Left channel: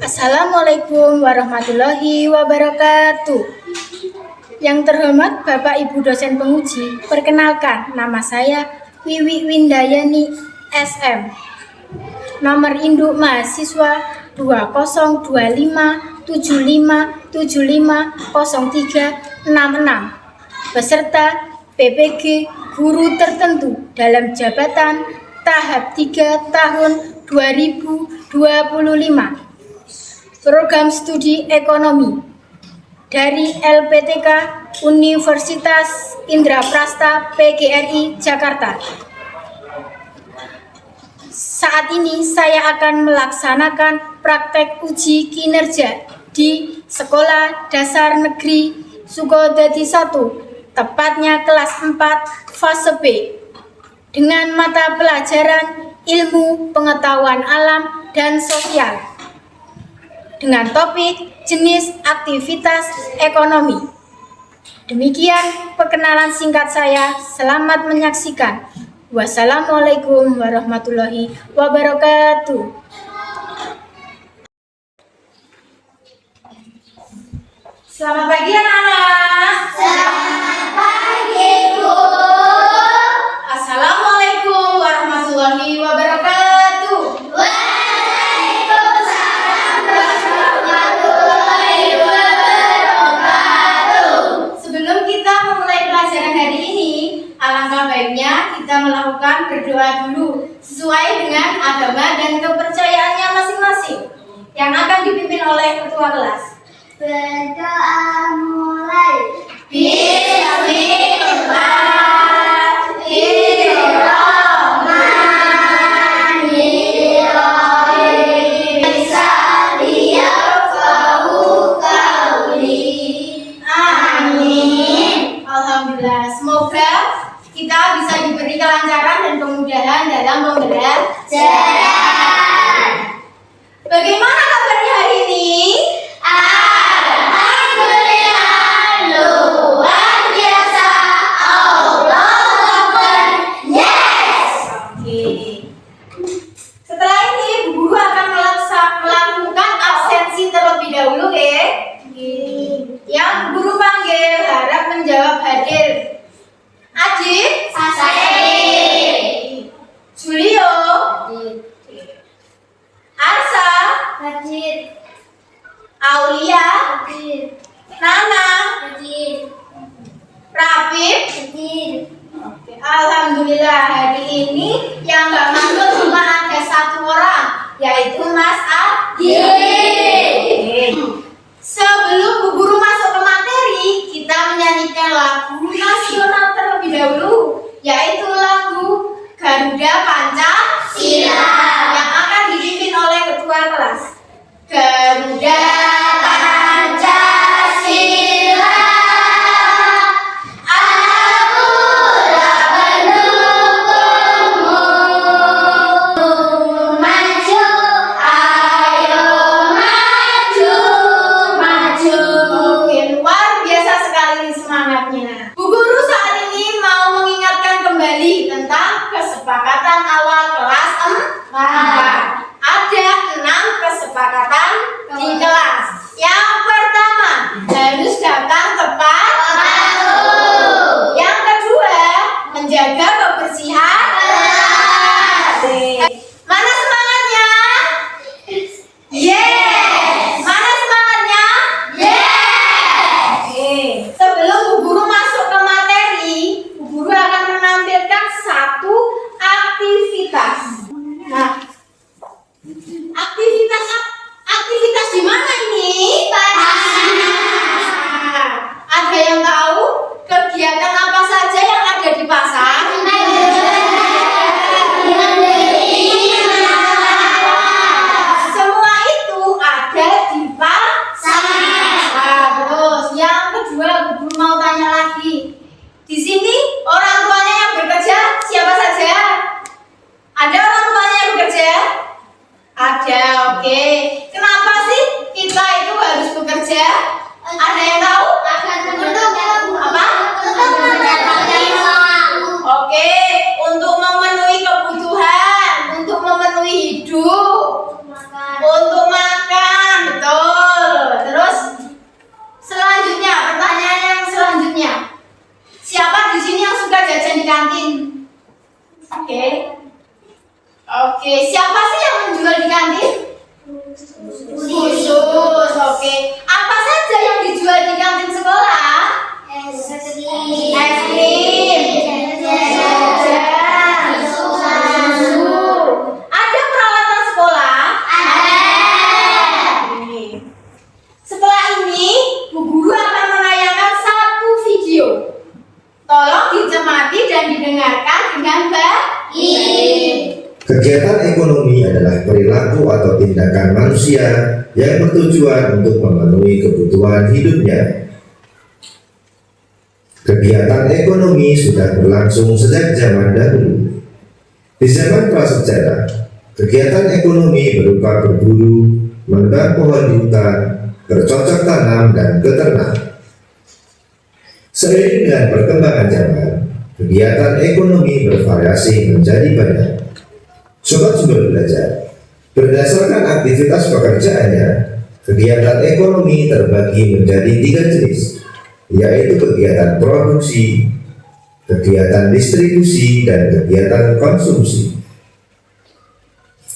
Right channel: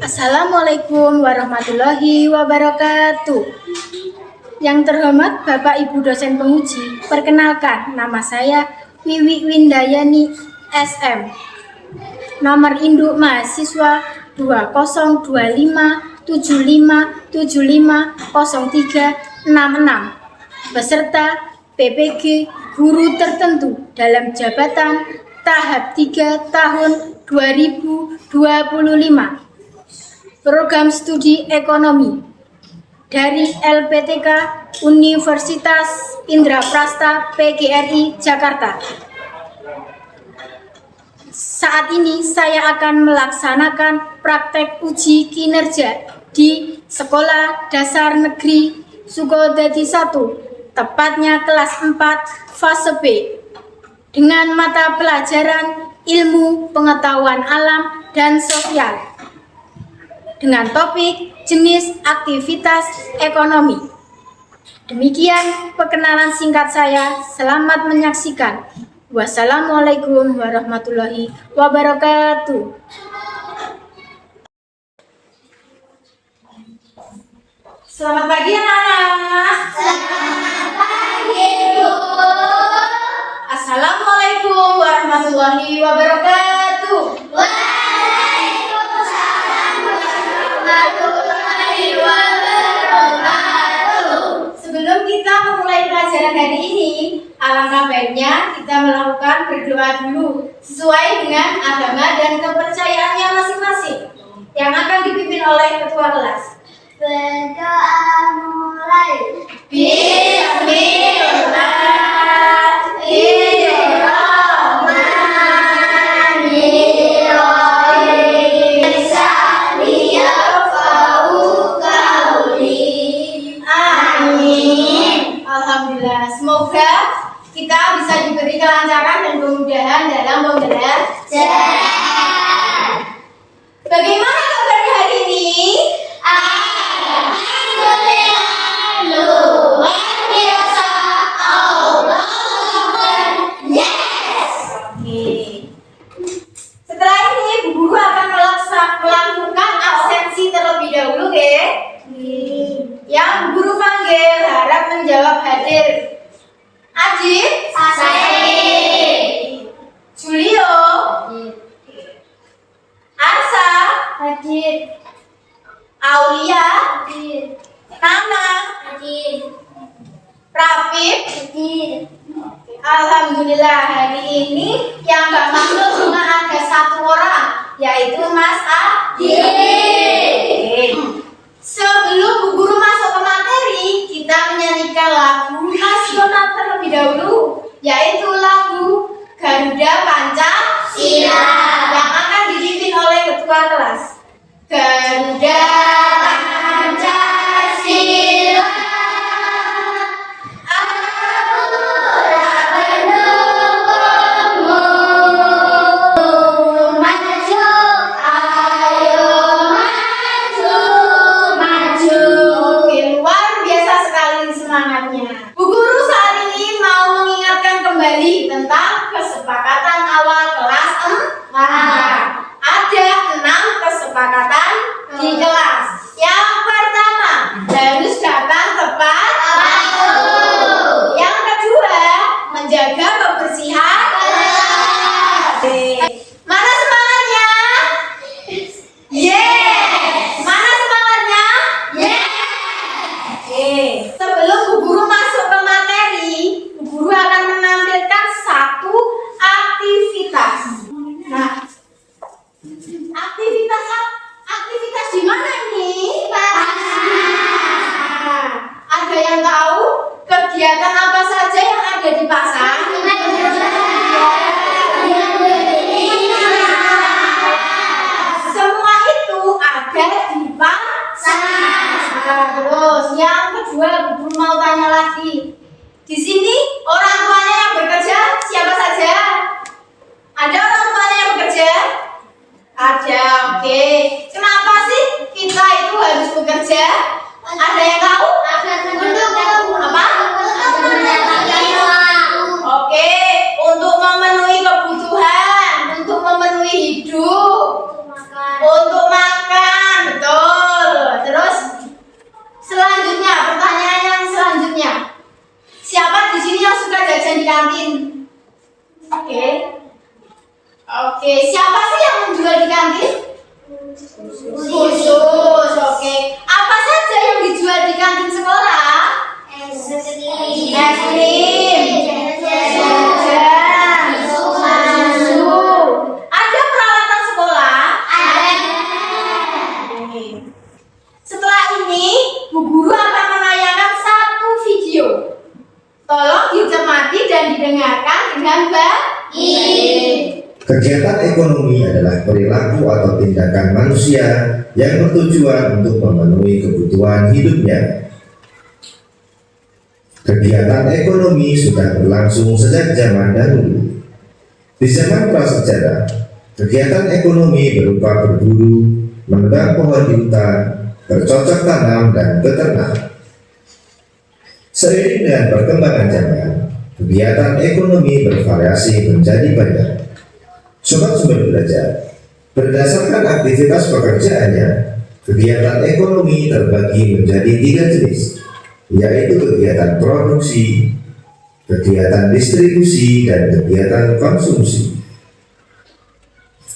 Assalamualaikum warahmatullahi wabarakatuh. Yang terhormat Bapak Ibu dosen penguji, perkenalkan nama saya Wiwi Windayani SM. Nomor induk mahasiswa 202575750366 beserta PPG guru tertentu dalam jabatan tahap 3 tahun 2025. Program studi ekonomi dari LPTK Universitas Indraprasta PGRI Jakarta. Saat ini saya akan melaksanakan praktek uji kinerja di Sekolah Dasar Negeri Sukodadi 1, tepatnya kelas 4 fase B, dengan mata pelajaran ilmu pengetahuan alam dan sosial, dengan topik jenis aktivitas ekonomi. Demikian perkenalan singkat saya. Selamat menyaksikan. Wassalamualaikum warahmatullahi wabarakatuh. Selamat pagi anak-anak. Selamat pagi, Bu. Assalamualaikum warahmatullahi wabarakatuh. Waalaikumsalam warahmatullahi wabarakatuh. Sebelum kita memulai pelajaran hari ini, alangkah baiknya kita melakukan berdoa dulu sesuai dengan agama dan kepercayaannya masing-masing yang akan dipimpin oleh ketua kelas. Berdoa mulai. Bismillahirrahmanirrahim. Amin. Alhamdulillah. Semoga kita bisa diberi kelancaran dan kemudahan dalam pembelajaran. Bagaimana kabarnya hari ini? Alhamdulillah, luar biasa. Allahu Akbar. Yes. Oke. Setelah ini Bu Guru akan melakukan absensi terlebih dahulu, oke? Yang Bu Guru panggil harap menjawab hadir. Ajit, Hadir. Julio, Arsa, Hadir. Aulia, Hadir. Nana, Hadir. Rafif. Hadir. Alhamdulillah, hari ini yang nggak masuk cuma ada satu orang, yaitu Mas Adi. Sebelum Bu Guru masuk ke materi, kita menyanyikan lagu nasional terlebih dahulu, yaitu lagu Garuda Pancasila yang akan dipimpin oleh ketua kelas. Garuda Pancasila, Aku tak mendukungmu. Maju, ayo maju, maju. Oke, luar biasa sekali semangatnya. Bu Guru saat ini mau mengingatkan kembali tentang kesepakatan awal kelas 4. Ada 6 kesepakatan di kelas. Yang pertama, harus datang tepat waktu. Yang kedua, menjaga kebersihan kelas. Mana semangatnya? Yes. Mana semangatnya? Yes. Sebelum Bu Guru masuk ke materi, Bu Guru akan menampilkan satu aktivitas. Nah, aktivitas di mana ini? Nah, ada yang tahu kegiatan apa saja yang ada di pasar? Semua itu ada di pasar. Nah, terus yang kedua, Bu Guru mau tanya lagi. Di sini orang tuanya yang bekerja siapa saja? Ada orang tuanya yang bekerja? Ada, oke. Kenapa sih kita itu harus bekerja? Ada yang tahu? Apa? Oke, untuk memenuhi kebutuhan, untuk memenuhi hidup, untuk makan. Oke, siapa sih yang menjual di kantin? Khusus. Oke. Apa saja yang dijual di kantin sekolah? Es krim, jajan, susu. Ada peralatan sekolah? Oke. Setelah ini, Bu Guru akan menayangkan satu video. Tolong dicermati dan didengarkan dengan baik. Kegiatan ekonomi adalah perilaku atau tindakan manusia yang bertujuan untuk memenuhi kebutuhan hidupnya. Kegiatan ekonomi sudah berlangsung sejak zaman dahulu. Di zaman prasejarah, kegiatan ekonomi berupa berburu, menebang pohon di hutan, bercocok tanam, dan beternak. Seiring dengan perkembangan zaman, kegiatan ekonomi bervariasi menjadi banyak. Sobat Sumber Belajar, berdasarkan aktivitas pekerjaannya, kegiatan ekonomi terbagi menjadi 3 jenis, yaitu kegiatan produksi, kegiatan distribusi, dan kegiatan konsumsi.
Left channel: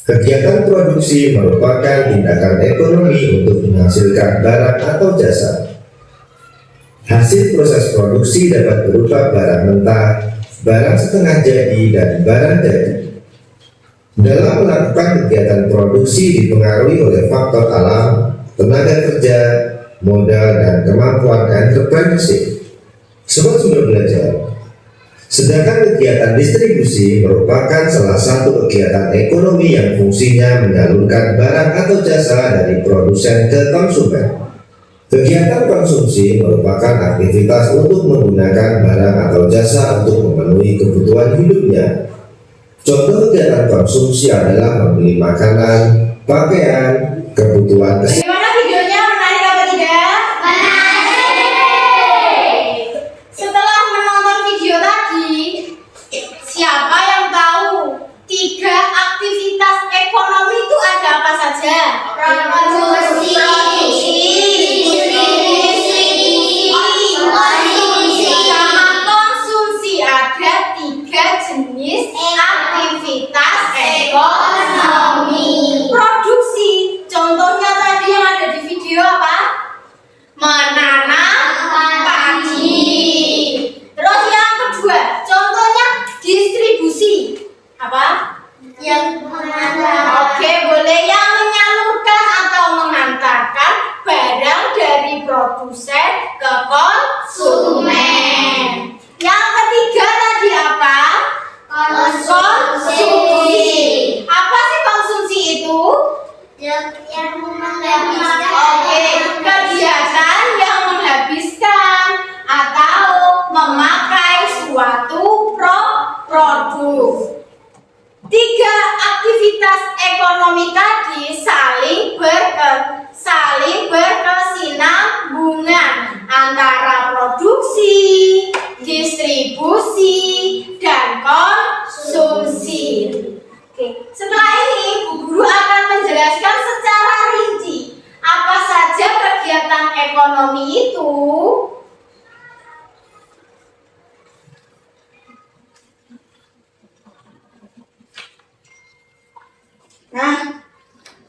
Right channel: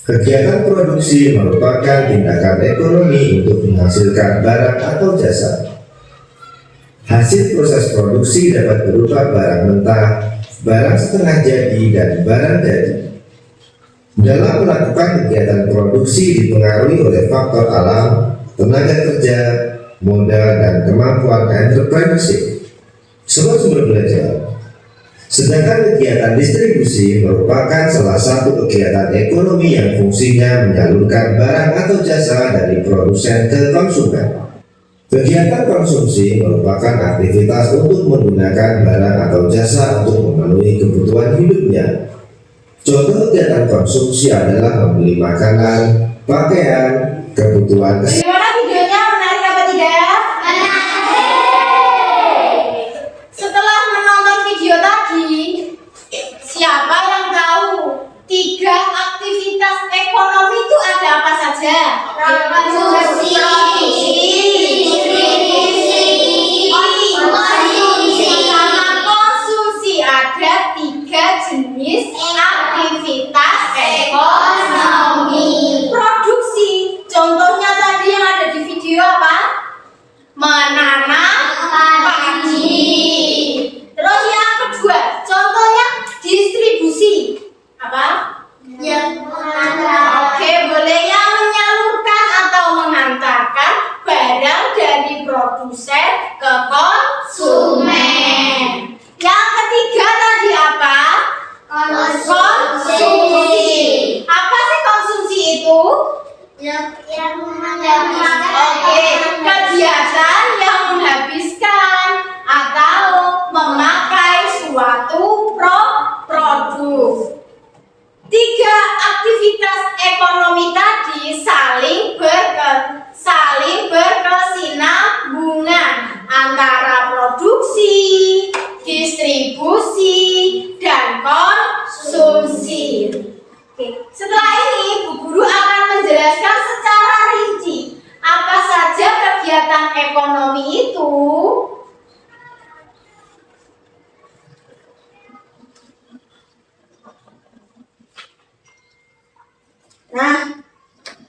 Kegiatan produksi merupakan tindakan ekonomi untuk menghasilkan barang atau jasa. Hasil proses produksi dapat berupa barang mentah, barang setengah jadi, dan barang jadi. Dalam melakukan kegiatan produksi dipengaruhi oleh faktor alam, tenaga kerja, modal, dan kemampuan entrepreneurship. Sobat Sumber Belajar, sedangkan kegiatan distribusi merupakan salah satu kegiatan ekonomi yang fungsinya menyalurkan barang atau jasa dari produsen ke konsumen. Kegiatan konsumsi merupakan aktivitas untuk menggunakan barang atau jasa untuk memenuhi kebutuhan hidupnya. Contoh kegiatan konsumsi adalah membeli makanan, pakaian, kebutuhan kesehatan. Bagaimana videonya? Menarik apa tidak? Menarik. Setelah menonton video tadi, siapa yang tahu 3 aktivitas ekonomi itu ada apa saja? Produksi, sama konsumsi. Ada 3 jenis aktivitas ekonomi. Produksi, contohnya tadi yang ada di video apa? Menanam padi. Terus yang kedua, contohnya distribusi. Apa? Oke, boleh yang menyalurkan atau mengantarkan barang dari produsen ke konsumen. Yang ketiga tadi apa? Konsumsi. Apa sih konsumsi itu? Oke, kegiatan yang menghabiskan atau memakai suatu produk. 3 aktivitas ekonomi tadi saling berkesinambungan antara produksi, distribusi, dan konsumsi. Oke, setelah ini Bu Guru akan menjelaskan secara rinci apa saja kegiatan ekonomi itu. Nah,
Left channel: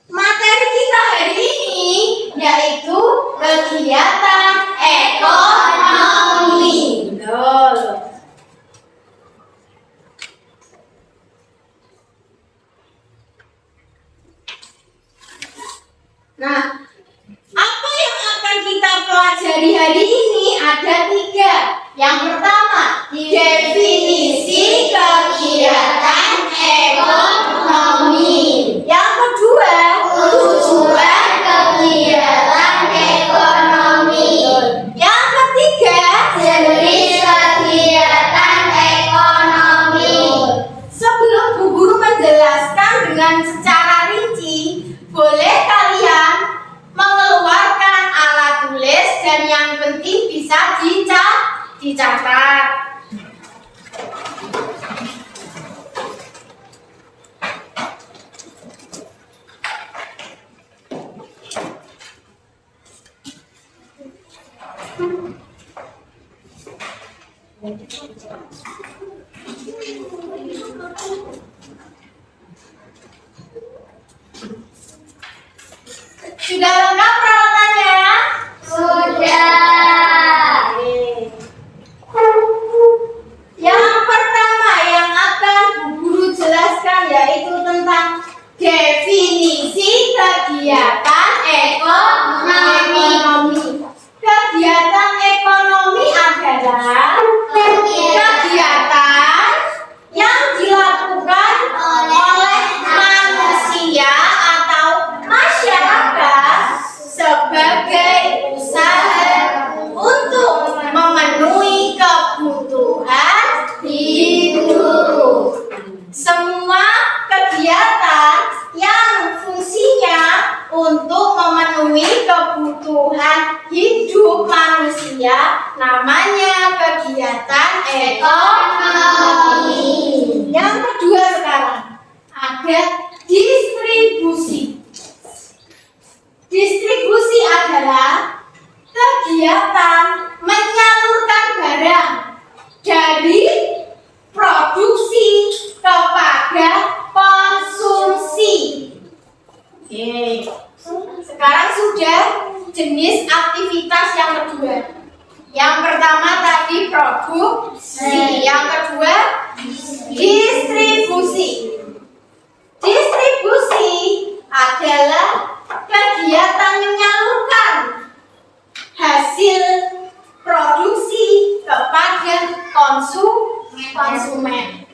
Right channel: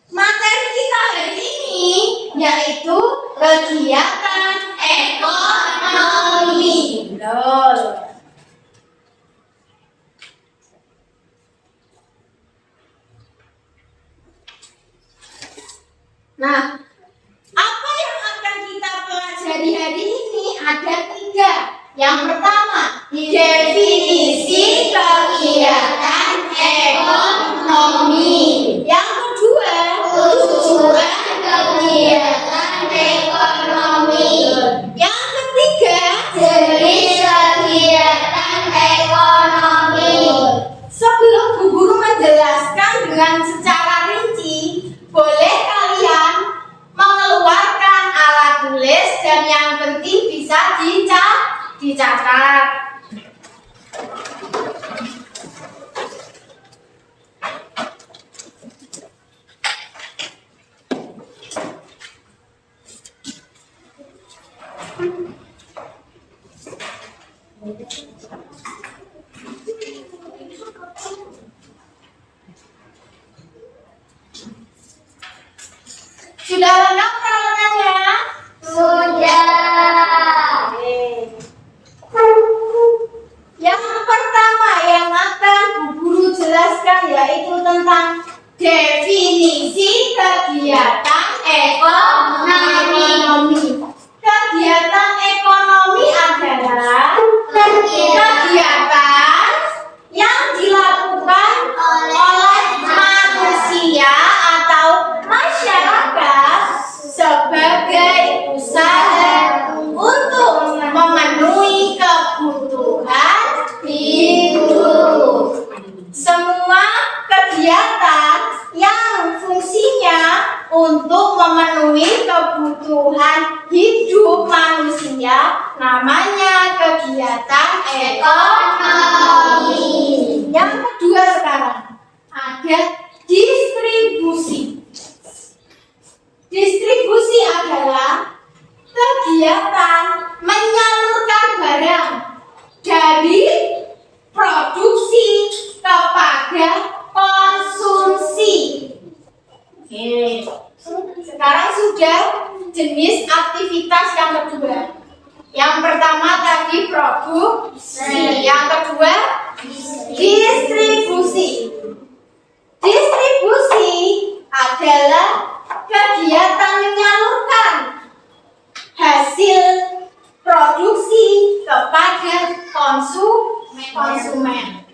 materi kita hari ini yaitu kegiatan ekonomi. Betul. Nah, apa yang akan kita pelajari hari ini ada 3. Yang pertama, definisi kegiatan ekonomi. Yang kedua, tujuan kegiatan ekonomi. Yang ketiga, jenis kegiatan ekonomi. Sebelum Bu Guru menjelaskan dengan secara rinci, boleh kalian mengeluarkan alat tulis dan yang penting bisa dicatat. Sudah lengkap peralatannya? Sudah. Yang pertama yang akan Bu Guru jelaskan yaitu tentang definisi kegiatan ekonomi. Kegiatan ekonomi adalah kegiatan yang dilakukan oleh manusia atau masyarakat sebagai usaha untuk memenuhi kebutuhan hidup. Semua kegiatan yang fungsinya untuk memenuhi kebutuhan hidup manusia namanya kegiatan ekonomi. Yang kedua sekarang ada distribusi. Distribusi adalah kegiatan menyalurkan barang dari produksi kepada konsumsi. Oke. Sekarang sudah jenis aktivitas yang kedua. Yang pertama tadi produksi, yang kedua distribusi. Distribusi adalah kegiatan menyalurkan hasil produksi kepada konsumen.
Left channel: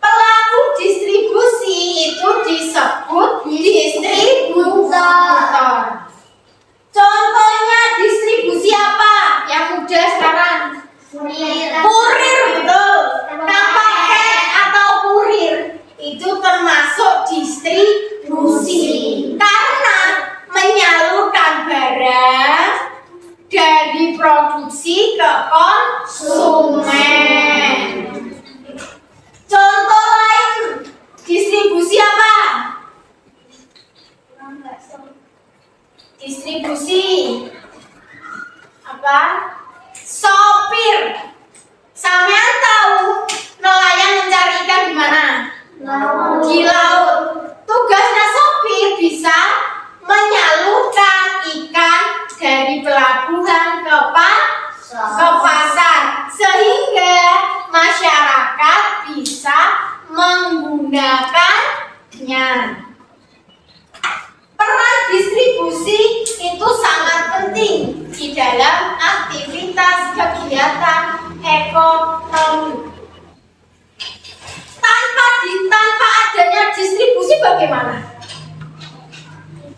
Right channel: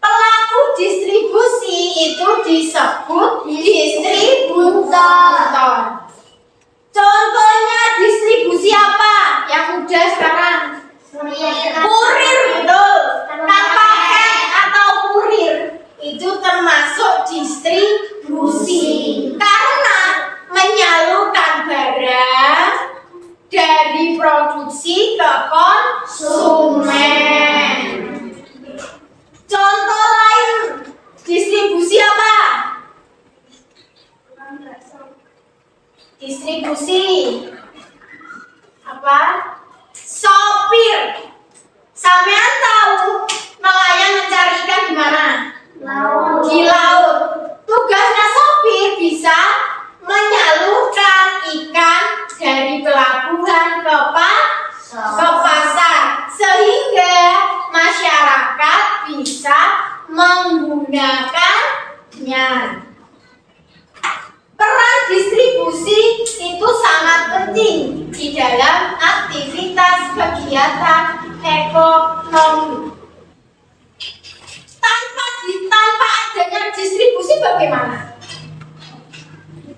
Pelaku distribusi itu disebut distributor. Contohnya distribusi apa? Yang mudah sekarang. Kurir, betul. Paket atau kurir itu termasuk distribusi karena menyalurkan barang dari produksi ke konsumen. Contoh lain distribusi apa? Distribusi apa? Sopir. Sampean tahu nelayan mencari ikan di mana? Di laut. Tugasnya sopir bisa menyalurkan ikan dari pelabuhan ke pasar sehingga masyarakat bisa menggunakannya. Peran distribusi itu sangat penting di dalam aktivitas kegiatan ekonomi. Tanpa adanya distribusi bagaimana?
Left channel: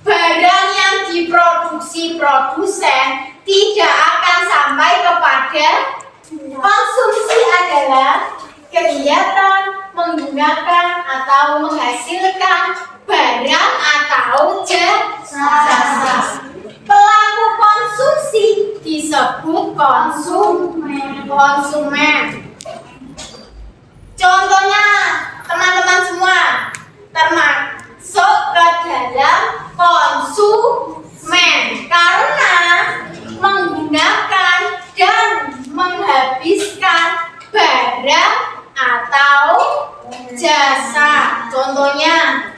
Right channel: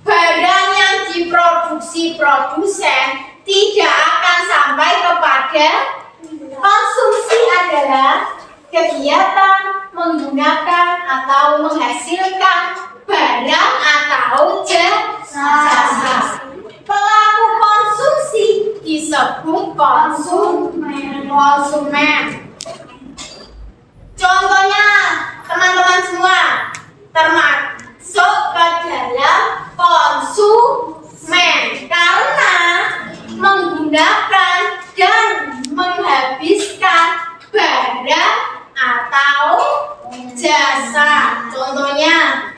Barang yang diproduksi produsen tidak akan sampai kepada konsumsi adalah kegiatan menggunakan atau menghasilkan barang atau jasa. Pelaku konsumsi disebut konsumen. Contohnya teman-teman semua termasuk ke dalam konsumen karena menggunakan dan menghabiskan barang atau jasa. Contohnya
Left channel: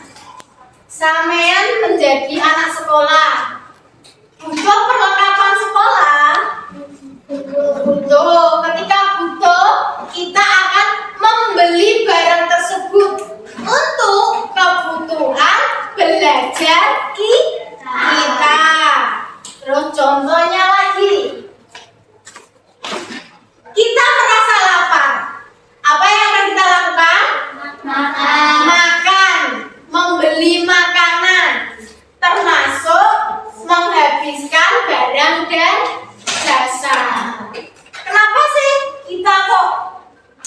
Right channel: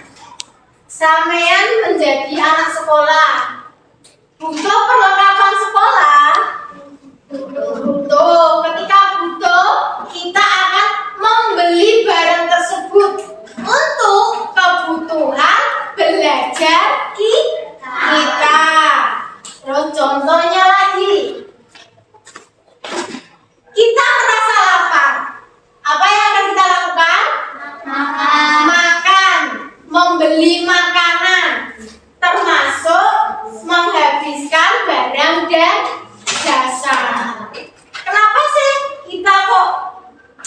sampean menjadi anak sekolah, butuh perlengkapan sekolah. Butuh. Ketika butuh, kita akan membeli barang tersebut untuk kebutuhan belajar kita. Terus contohnya lagi, kita merasa lapar. Apa yang akan kita lakukan? Makan, membeli makanan, termasuk menghabiskan barang dan jasa. Kenapa sih kita kok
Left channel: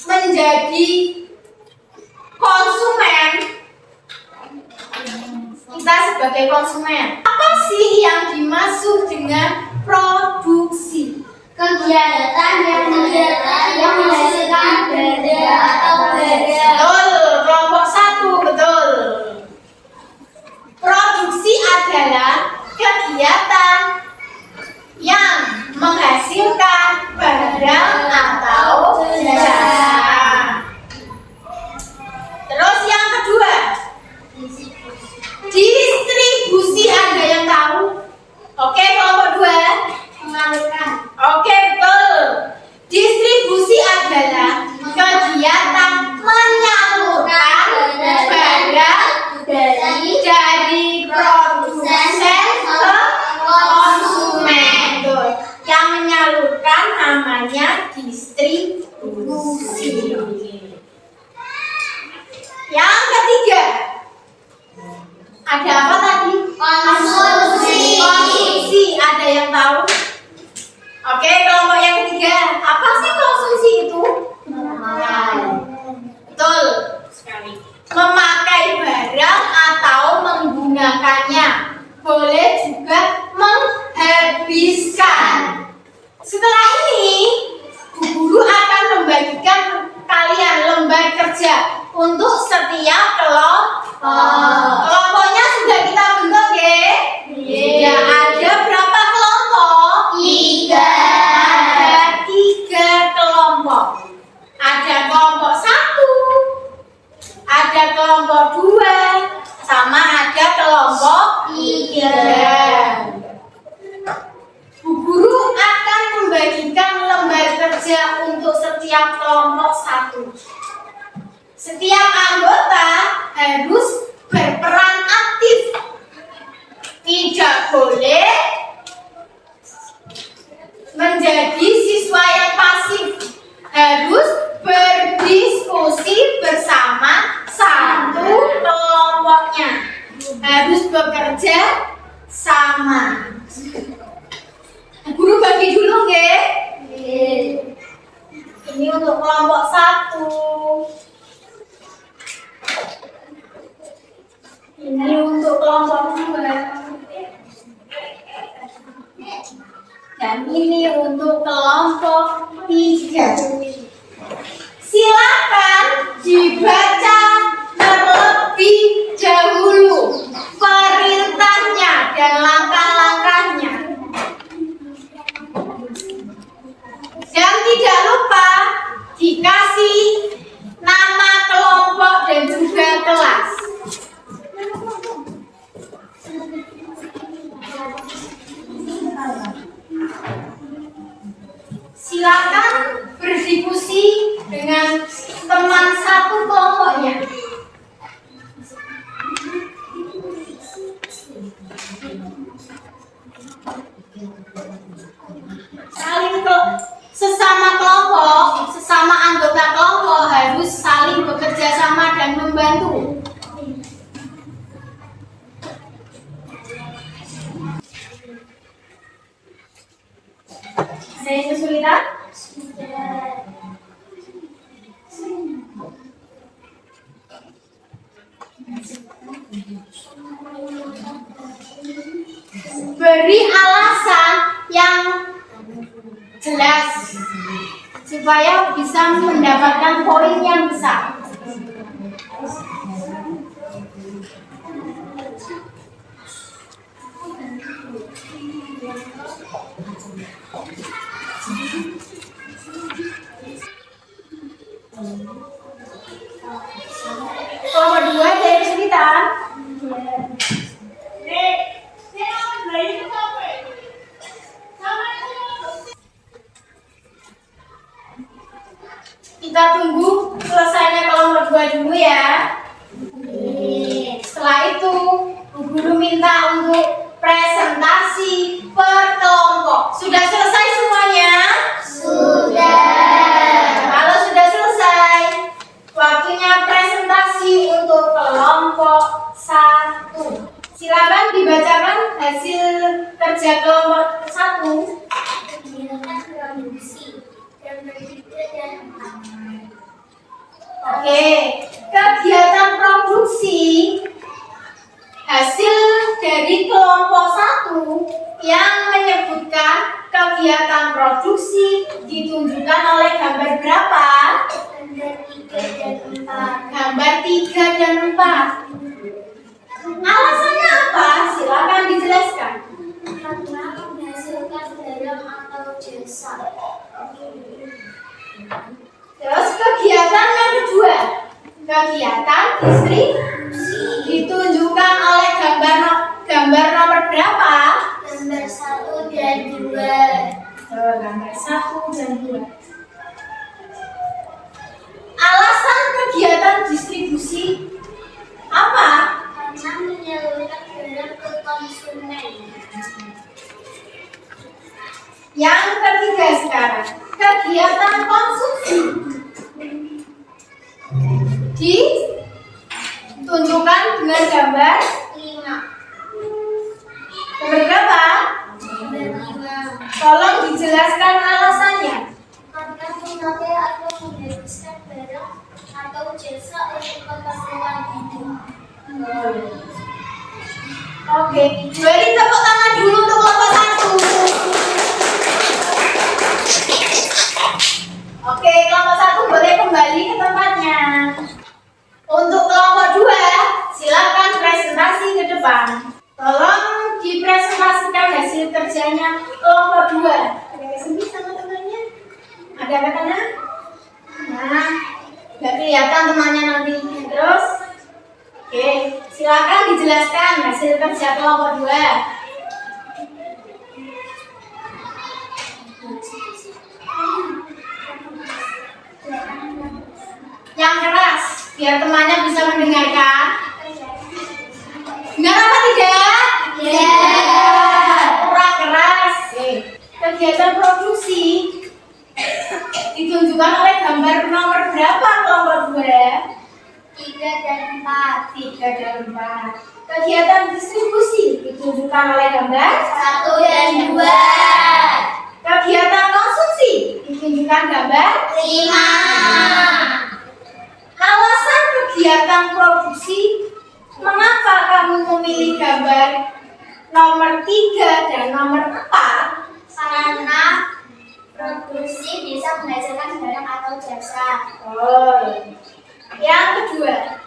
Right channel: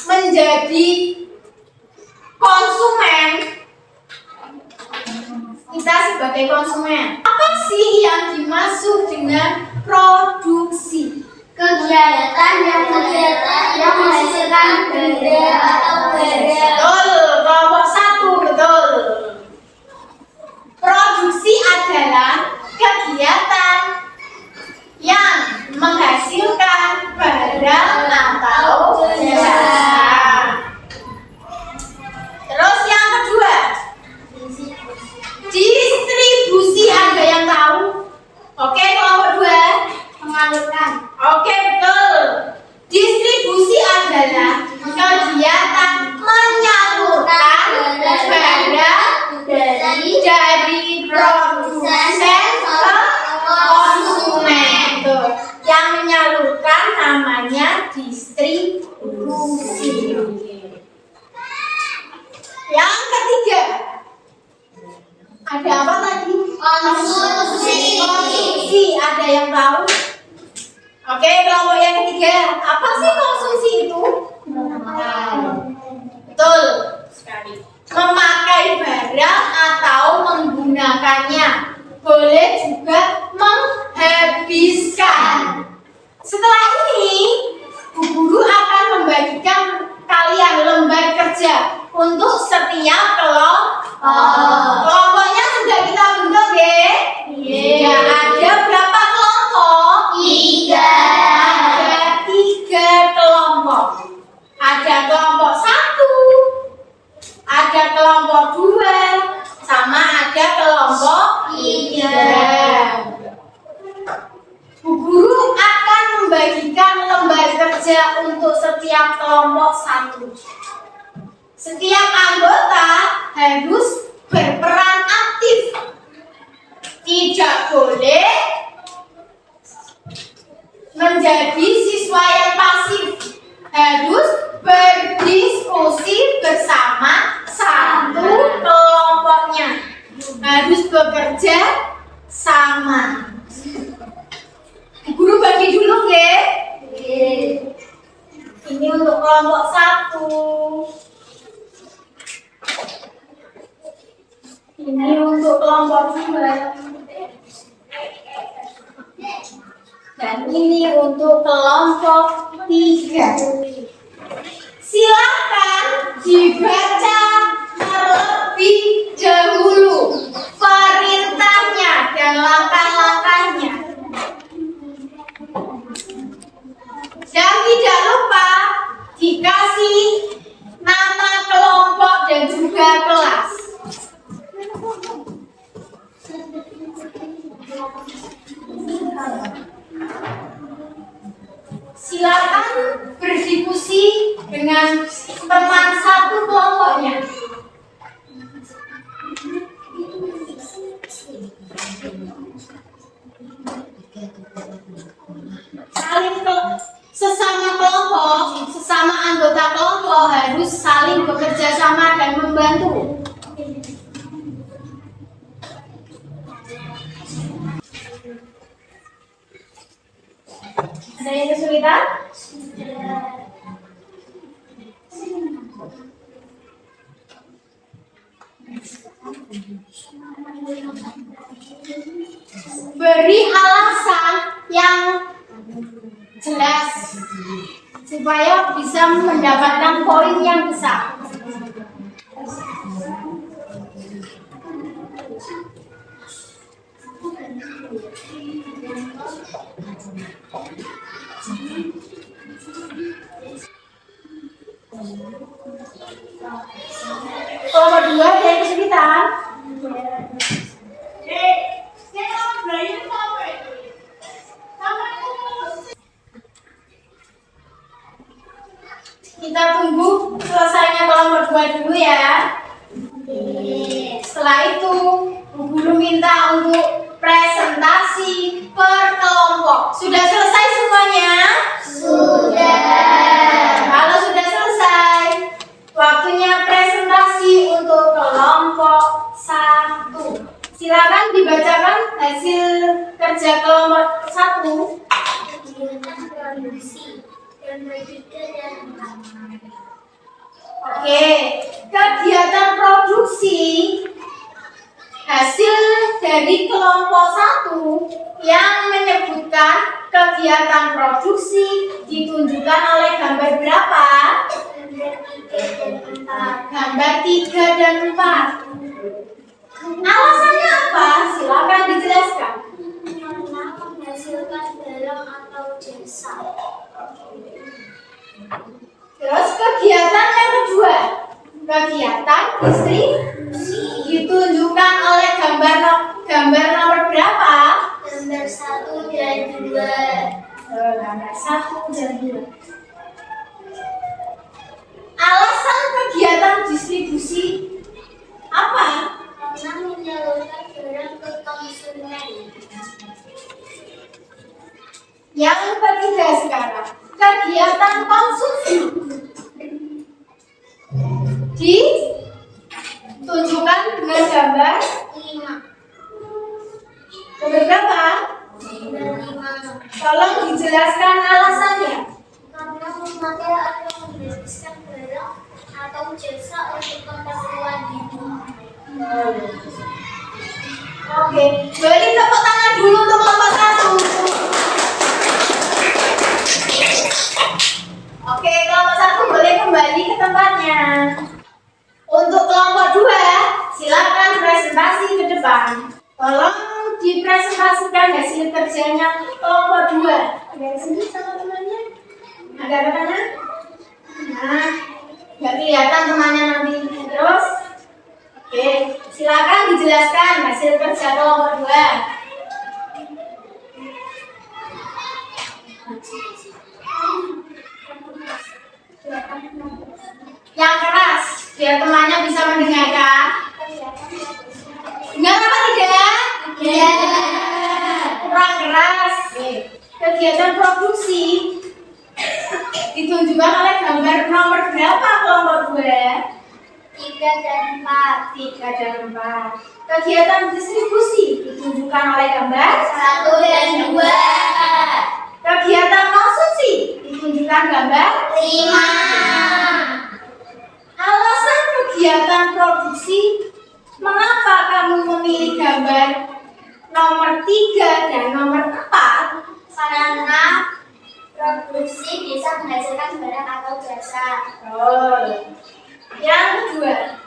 menjadi konsumen? Kita sebagai konsumen, apa sih yang dimaksud dengan produksi? Kegiatan yang menghasilkan barang atau barang. Betul, kelompok satu, betul. Produksi adalah kegiatan yang menghasilkan barang atau jasa. Terus yang kedua, distribusi. Ada yang tahu? namanya distribusi. Yang ketiga, ada apa tadi? Konsumsi. Konsumsi. Ada yang tahu? Oke, kelompok yang ketiga, apa sih konsumsi itu? Betul sekali. Memakai barang atau menggunakannya. Boleh juga menghabiskan. Setelah ini, Bu Guru akan membagikan kalian lembar kerja untuk setiap kelompok. Kelompoknya sudah kita bentuk, ya? Ya, ada berapa kelompok? 3. Ada 3 kelompok. Ada kelompok 1, ada kelompok 2, sama ada kelompok 3. Bu Guru akan membagikan lembar kerja untuk setiap kelompok 1. Setiap anggota harus berperan aktif. Tidak boleh menjadi siswa yang pasif. Harus berdiskusi bersama satu kelompoknya. Harus bekerja sama. Guru bagi dulu, nggih. Ini untuk kelompok 1. Ini untuk kelompok 2. Dan ini untuk kelompok 3. Silakan dibaca terlebih dahulu perintahnya dan langkah-langkahnya. Dan tidak lupa dikasih nama kelompok dan juga kelas. Silakan berdiskusi dengan teman satu kelompoknya. Sesama kelompok, sesama anggota kelompok harus saling bekerja sama dan membantu. Ada yang kesulitan? Beri alasan yang jelas supaya bisa mendapatkan poin yang besar. Kelompok 2 ada yang kesulitan? Kita tunggu selesainya kelompok 2 dulu ya. Setelah itu, Bu Guru minta untuk presentasi per kelompok. Sudah selesai semuanya? Sudah. Kalau sudah selesai, waktunya presentasi untuk kelompok 1. Silakan dibacakan hasil kerja kelompok 1. Kegiatan produksi dan bertiga dan 4. Oke, kegiatan produksi hasil dari kelompok 1 yang menyebutkan kegiatan produksi ditunjukkan oleh gambar berapa? Gambar 3 dan 4. Gambar 3 dan 4. Alasannya apa? Silakan dijelaskan. Karena menghasilkan barang atau jasa. Terus kegiatan yang kedua, kegiatan distribusi ditunjukkan oleh gambar nomor berapa? Gambar 1 dan 2. Gambar 1 dan 2. Alasan kegiatan distribusi apa? Karena menyalurkan barang ke konsumen. Yang ketiga sekarang, kegiatan konsumsi. Ditunjukkan dengan gambar 5. berapa? Gambar 5. Tolong dijelaskan alasannya. Karena memakai atau menghabiskan barang atau jasa untuk keperluan hidup. Oke, beri tepuk tangan dulu untuk kelompok 1. Oke, kelompok 1 boleh kembali ke tempatnya. Untuk kelompok 2, silakan presentasi ke depan. Tolong dipresentasikan hasil kerjanya kelompok 2. Ada di sini sama temannya? Ada katanya? Nah, nggak kelihatan temannya nanti. Terus, oke, silakan dijelaskan hasil kerja kelompok 2. Yang keras, biar temannya bisa mendengarkan. Dengar apa tidak? Ya. Kurang keras. Kegiatan produksi ditunjukkan oleh gambar nomor berapa kelompok 2? 3 dan 4. 3 dan 4. Kegiatan distribusi ditunjukkan oleh gambar 1 dan 2. Kegiatan konsumsi ditunjukkan gambar 5. Alasan kegiatan produksi, mengapa kamu memilih gambar nomor 3 dan nomor 4? Karena produksi bisa menghasilkan barang atau jasa. Yang kedua,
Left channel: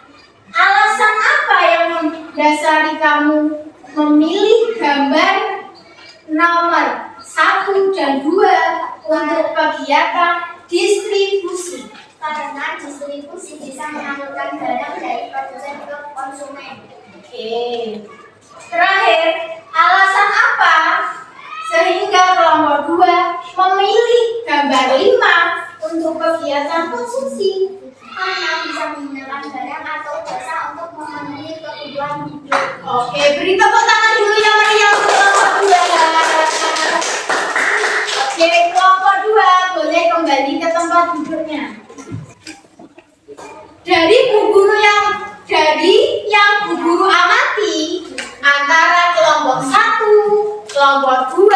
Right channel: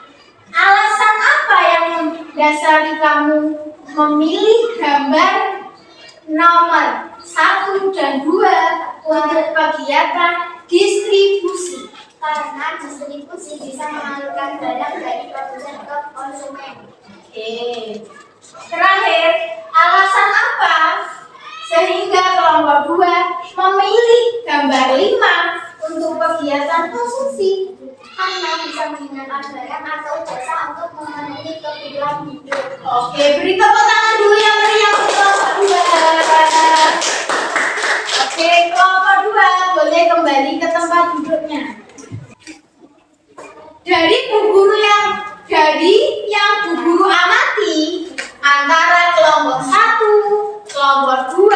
alasan apa yang mendasari kamu memilih gambar nomor 1 dan 2 untuk kegiatan distribusi? Karena distribusi bisa mengalirkan barang dari produsen ke konsumen. Oke. Terakhir, alasan apa sehingga kelompok 2 memilih gambar 5 untuk kegiatan konsumsi? Karena bisa menggunakan barang atau jasa untuk memenuhi kebutuhan hidup. Oke, beri tepuk tangan dulu yang meriah untuk kelompok 2. Oke, kelompok 2 boleh kembali ke tempat duduknya. Dari Bu Guru amati antara kelompok 1, kelompok 2,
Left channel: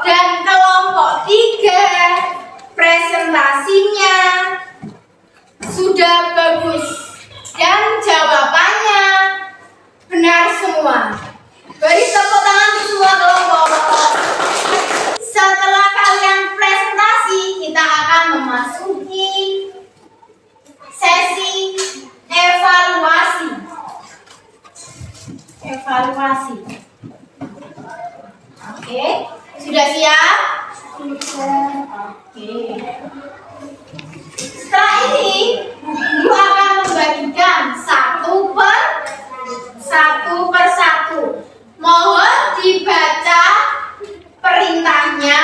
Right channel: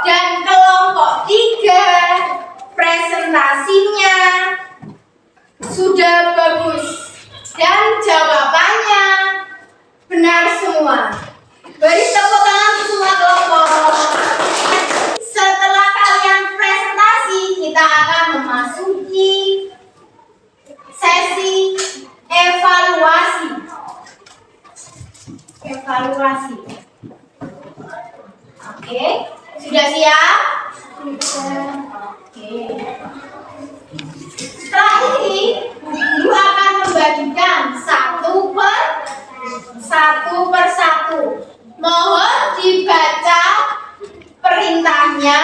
dan kelompok 3, presentasinya sudah bagus dan jawabannya benar semua. Beri tepuk tangan untuk semua kelompok. Setelah kalian presentasi, kita akan memasuki sesi evaluasi. Oke, sudah siap? Sudah. Oke. Setelah ini, guru akan membagikan satu persatu. Mohon dibaca perintahnya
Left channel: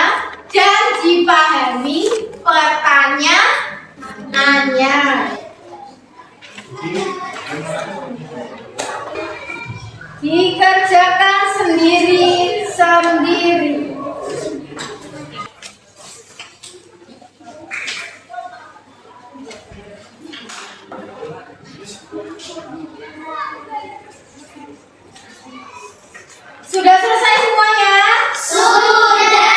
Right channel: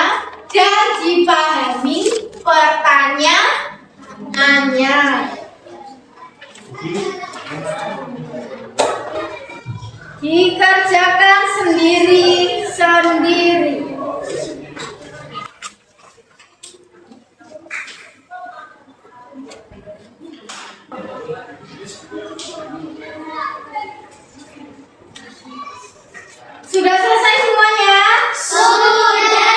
dan dipahami pertanyaannya. Dikerjakan sendiri-sendiri. Sudah selesai semuanya? Sudah.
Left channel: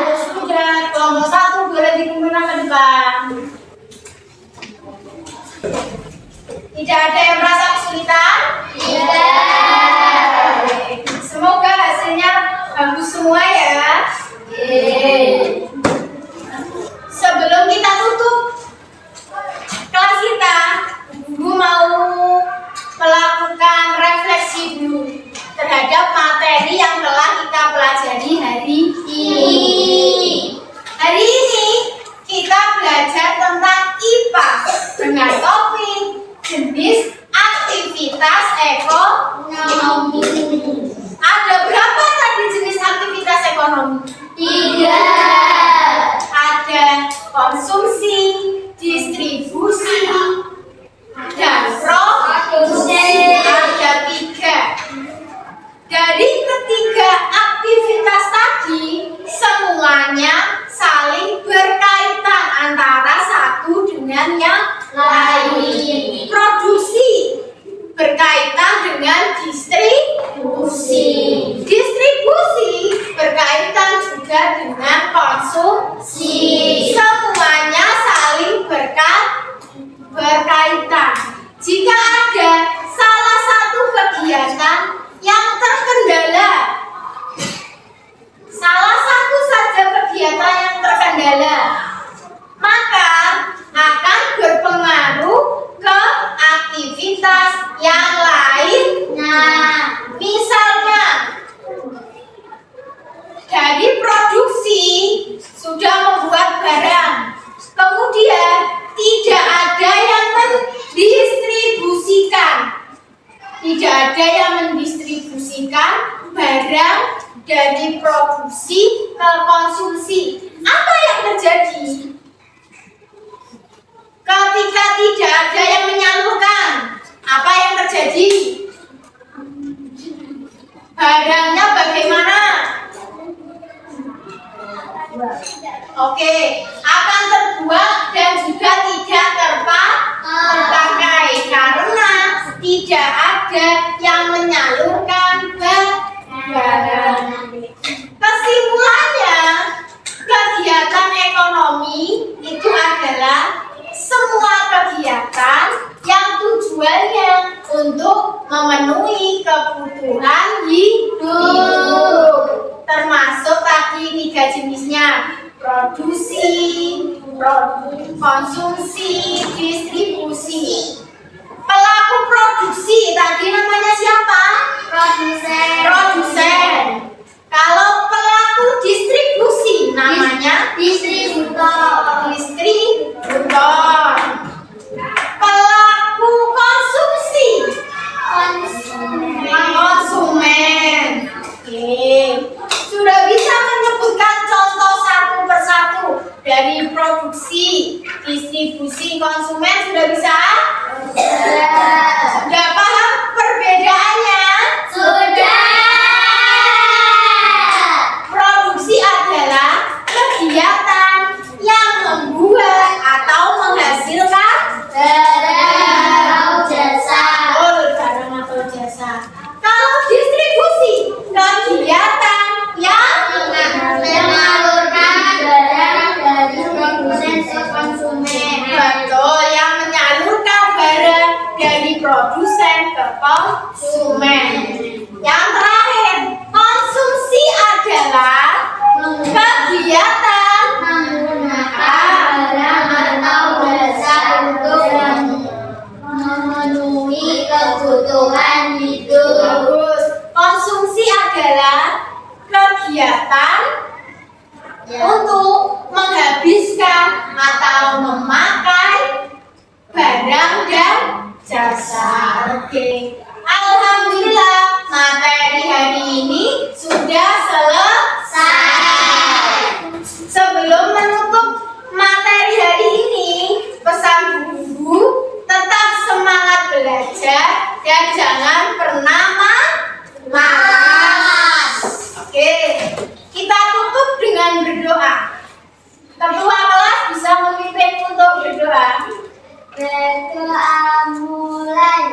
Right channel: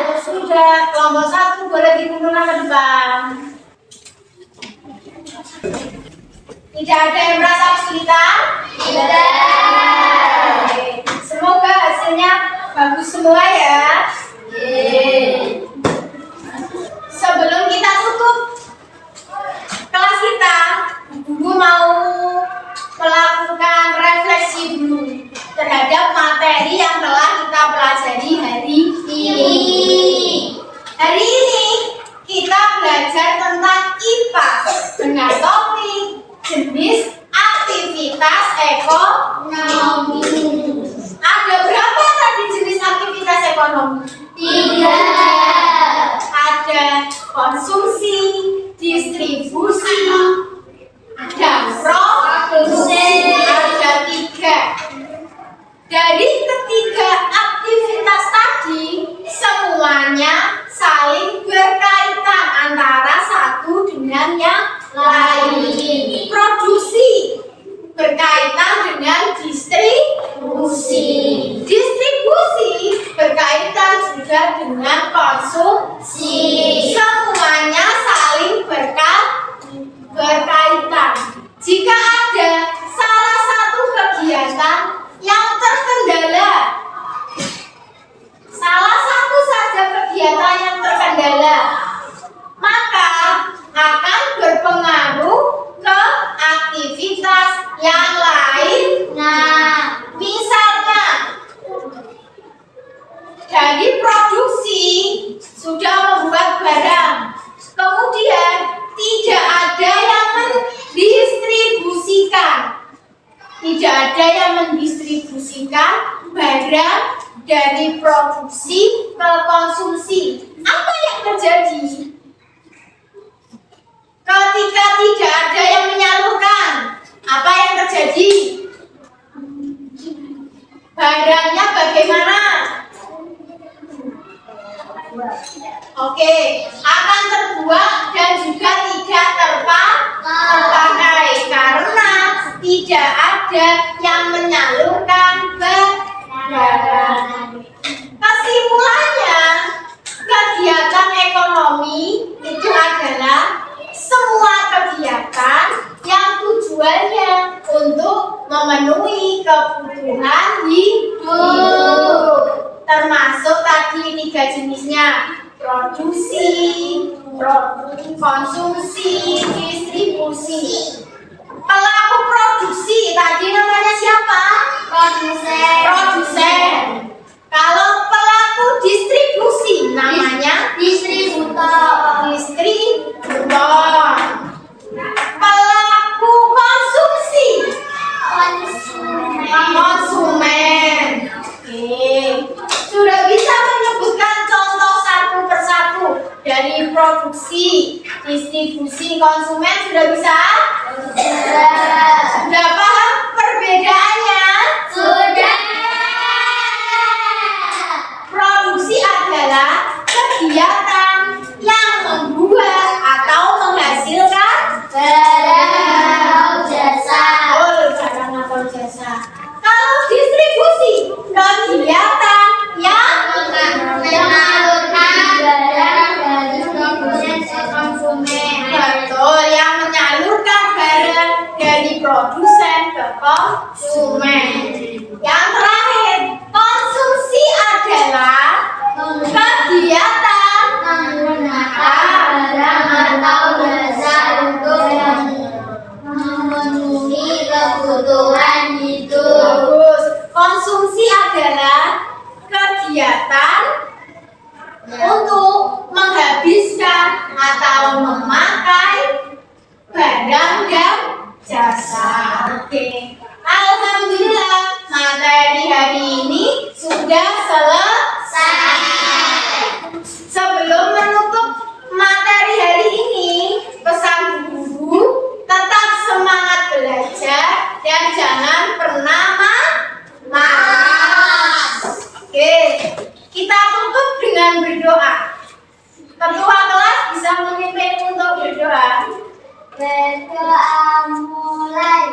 Oh, sudah. Kelompok 1 boleh dikumpulkan ke depan. Tidak ada yang merasa kesulitan? Tidak. Oke. Semoga hasilnya bagus semua ya. Sebelum kita tutup kelas kita, guru mau melakukan refleksi dulu terhadap materi yang telah kita pelajari hari ini. Hari ini kita belajar tentang IPA dengan topik jenis aktivitas ekonomi. Ada berapa tadi jenis aktivitas ekonomi? 3. Ada konsumsi, distribusi, dan produksi. Ada 3. Dari ketiga aktivitas tadi, yang lain. Nah, Misalnya, dari produksi sudah membuat barang, kemudian tidak ada yang mendistribusikan. Tidak ada yang mendistribusikan barang dari produksi ke konsumsi. Apa yang terjadi? Ketika tidak ada yang menyalurkan, apa yang terjadi? Barangnya bagaimana? Oke, akan terbuang dan juga tidak terpakai karena tidak ada yang menyalurkan barang. Kesimpulannya, kegiatan ekonomi itu adalah semua kegiatan yang tujuannya untuk memenuhi kebutuhan hidup, termasuk tadi 3 jenisnya: produksi, konsumsi, distribusi. Pelaku produksi tadi namanya siapa? Produsen. Kalau pelaku distribusi namanya distributor. Pelaku konsumsi konsumen. Oke, sudah bisa menyebutkan contoh satu persatu dari produksi, distribusi, konsumen. Sudah bisa? Sudah paham perbedaannya? Sudah. Produksi adalah kegiatan yang membuat atau menghasilkan Barang atau jasa. barang atau jasa. Kalau distribusi, kegiatan yang Menyalurkan barang dari produsen ke konsumen. betul, yang menyalurkan barang dari produsen ke konsumen. Yang terakhir, konsumsi adalah kegiatan Menggunakan barang atau jasa untuk memenuhi kebutuhan hidup. bagus. Konsumsi adalah kegiatan untuk menghabiskan atau memakai barang dan jasa. Oke, alhamdulillah materi hari ini sudah selesai. Sebelum menutup materi hari ini, pesan guru tetap semangat belajar dan jangan pernah malas. Oke, kita tutup dengan berdoa. Ketua kelas bisa memimpin untuk berdoa. Berdoa mulai.